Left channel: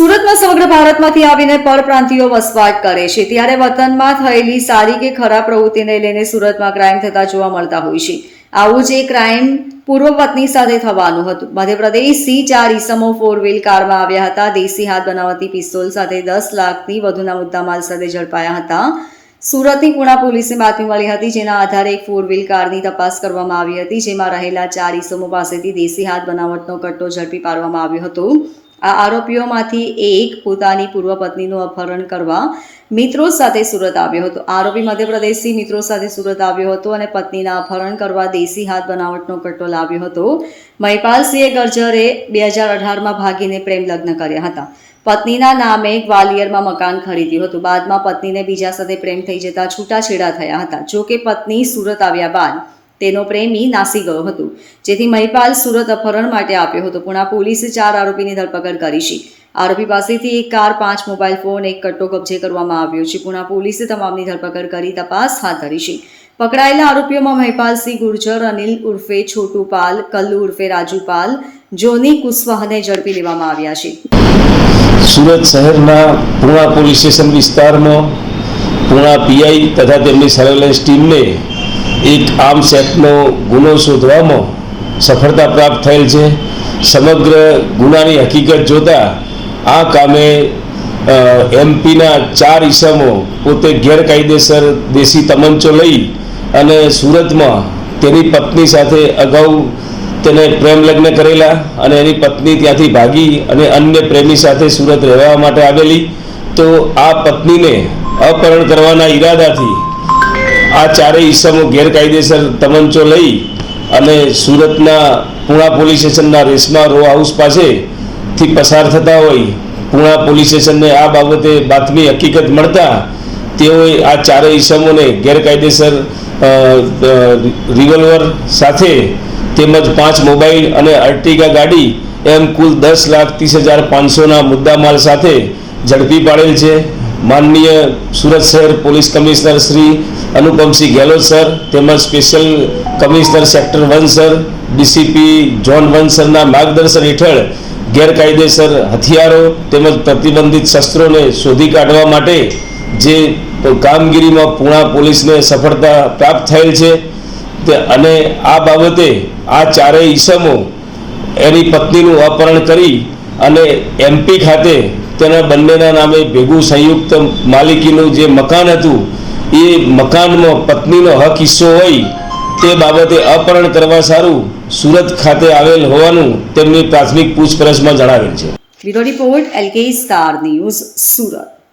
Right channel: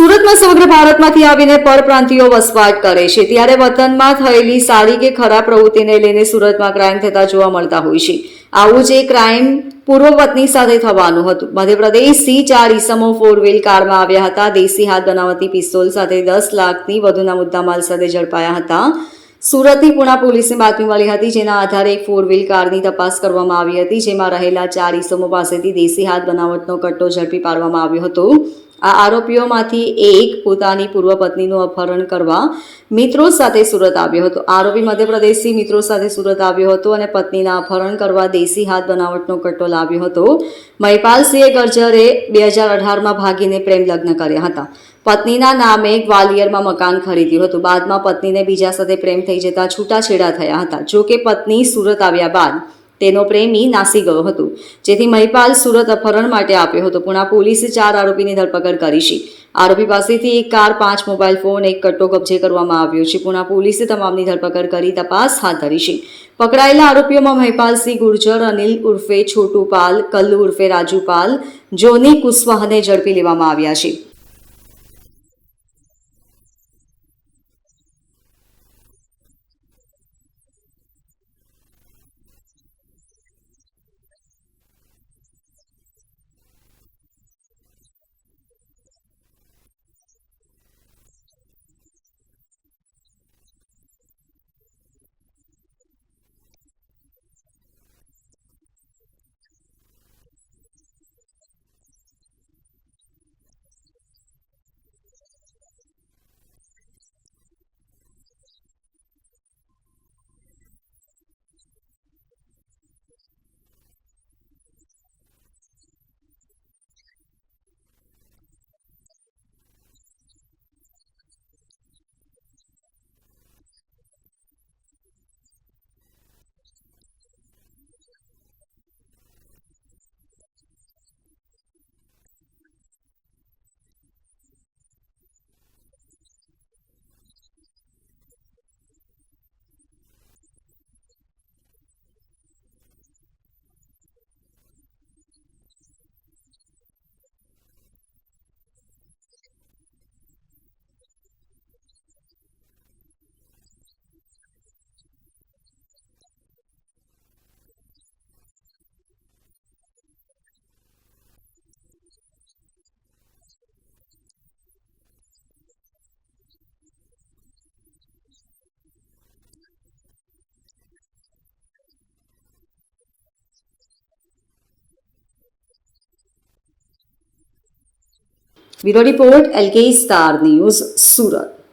સુરતમાં સમગ્ર ભારતમાંથી આવીને પરપ્રાંતિયો વસવાટ કરે છે. ત્યારે વતનમાં થયેલી સારી કે ખરાબ પ્રવૃત્તિને લઈને સુરતમાં ક્રાઇમ થતા જોવા મળતા હોય છે. આવું જ એક ક્રાઇમ પૂર્વ પત્ની સાથે થવાનું હતું. મધ્યપ્રદેશથી ચાર ઈસમો ફોર વ્હીલ કારમાં આવ્યા હતા. દેશી હાથ બનાવતી પિસ્તોલ સાથે દસ લાખથી વધુના મુદ્દામાલ સાથે ઝડપાયા હતા. સુરતની પુણા પોલીસને બાતમી મળી હતી, જેના આધારે એક ફોર વ્હીલ કારની તપાસ કરવામાં આવી હતી, જેમાં રહેલા ચાર ઈસમો પાસેથી દેશી હાથ બનાવટનો કટ્ટો ઝડપી પાડવામાં આવ્યો હતો. આ આરોપીઓમાંથી એક પોતાની પૂર્વ પત્નીનું અપહરણ કરવા મિત્રો સાથે સુરત આવ્યો હતો. આરોપી મધ્યપ્રદેશથી મિત્રો સાથે સુરત આવ્યો હતો અને પત્નીના અપહરણ કરવા દેશી હાથ બનાવટનો કટ્ટો લાવ્યો હતો. મહિપાલસિંહે ગર્જરે બે હજાર અઢારમાં ભાગીને પ્રેમ લગ્ન કર્યા હતા. પત્નીના નામે ગ્વાલિયરમાં મકાન ખરીદ્યું હતું. બાદમાં પત્નીને બીજા સાથે પ્રેમ થઈ જતા છૂટાછેડા થયા હતા. જો કે પત્ની સુરત આવ્યા બાદ તેનો પ્રેમી નાસી ગયો હતો. જેથી મહિપાલ સુરત અપહરણ માટે આપ્યો હતો. પુણા પોલીસે ચાર આરોપીની ધરપકડ કરી છે. આરોપી પાસેથી એક કાર, પાંચ મોબાઈલ ફોન, એક કટ્ટો કબજે કરવામાં આવ્યો છે. પુણા પોલીસે તમામની ધરપકડ કરી તપાસ હાથ ધરી છે. પકડાયેલા આરોપીઓમાં મહિપાલસિંહ ગુર્જર, અનિલ ઉર્ફે છોટુ પાલ કલ્લુ ઉર્ફે રાજુ પાલ જોની કુશવાહને ઝડપી લેવામાં આવ્યા છે. સુરત શહેરના પૂર્ણા પોલીસ સ્ટેશન વિસ્તારમાં પૂર્ણા પીઆઈ તથા તેમની સર્વેલન્સ ટીમને એક આર્મ્સ એક્ટનો ગુનો શોધવામાં સફળતા પ્રાપ્ત થયેલ છે. સમગ્ર ગુનાની હકીકત જોતા આ કામે એમપીના ચાર ઈસમો પોતે ગેરકાયદેસર દેશી તમંચો લઈ અને સુરતમાં તેની પત્ની સાથે અગાઉ તેને પ્રેમ લગ્ન કરેલા અને એની પત્ની ત્યાંથી ભાગી અને અન્ય પ્રેમી સાથે સુરત રહેવા માટે આવેલી. તો આ પત્નીને અપહરણ કરવાના ઈરાદાથી આ ચારેય ઈસમો ગેરકાયદેસર તમંચો લઈ અને સુરતના પૂણા પોલીસ સ્ટેશનના રેશમા રો હાઉસ પાસેથી પસાર થતા હોય, પૂણા પોલીસ સ્ટેશનને આ બાબતે બાતમી હકીકત મળતા તેઓએ આ ચારેય ઈસમોને ગેરકાયદેસર રિવોલ્વર સાથે તેમજ પાંચ મોબાઈલ અને અર્ટિગા ગાડી એમ કુલ દસ લાખ ત્રીસ હજાર પાંચસોના મુદ્દામાલ સાથે ઝડપી પાડેલ છે. માનનીય સુરત શહેર police commissioner Shri Anupamsinh Gehlot sir, તેમજ special commissioner sector one sir, DCP zone one સરના માર્ગદર્શન હેઠળ ગેરકાયદેસર હથિયારો તેમજ પ્રતિબંધિત શસ્ત્રોને શોધી કાઢવા માટે જે કામગીરીમાં પૂણા પોલીસને સફળતા પ્રાપ્ત થયેલ છે તે અને આ બાબતે આ ચારેય ઈસમો એની પત્નીનું અપહરણ કરી અને એમપી ખાતે તેના બંનેના નામે ભેગું સંયુક્ત માલિકીનું જે મકાન હતું, એ મકાનમાં પત્નીનો હક હિસ્સો હોય, તે બાબતે અપહરણ કરવા સારું સુરત ખાતે આવેલ હોવાનું તેમની પ્રાથમિક પૂછપરછમાં જણાવેલ છે. Bureau report, LK star news Surat.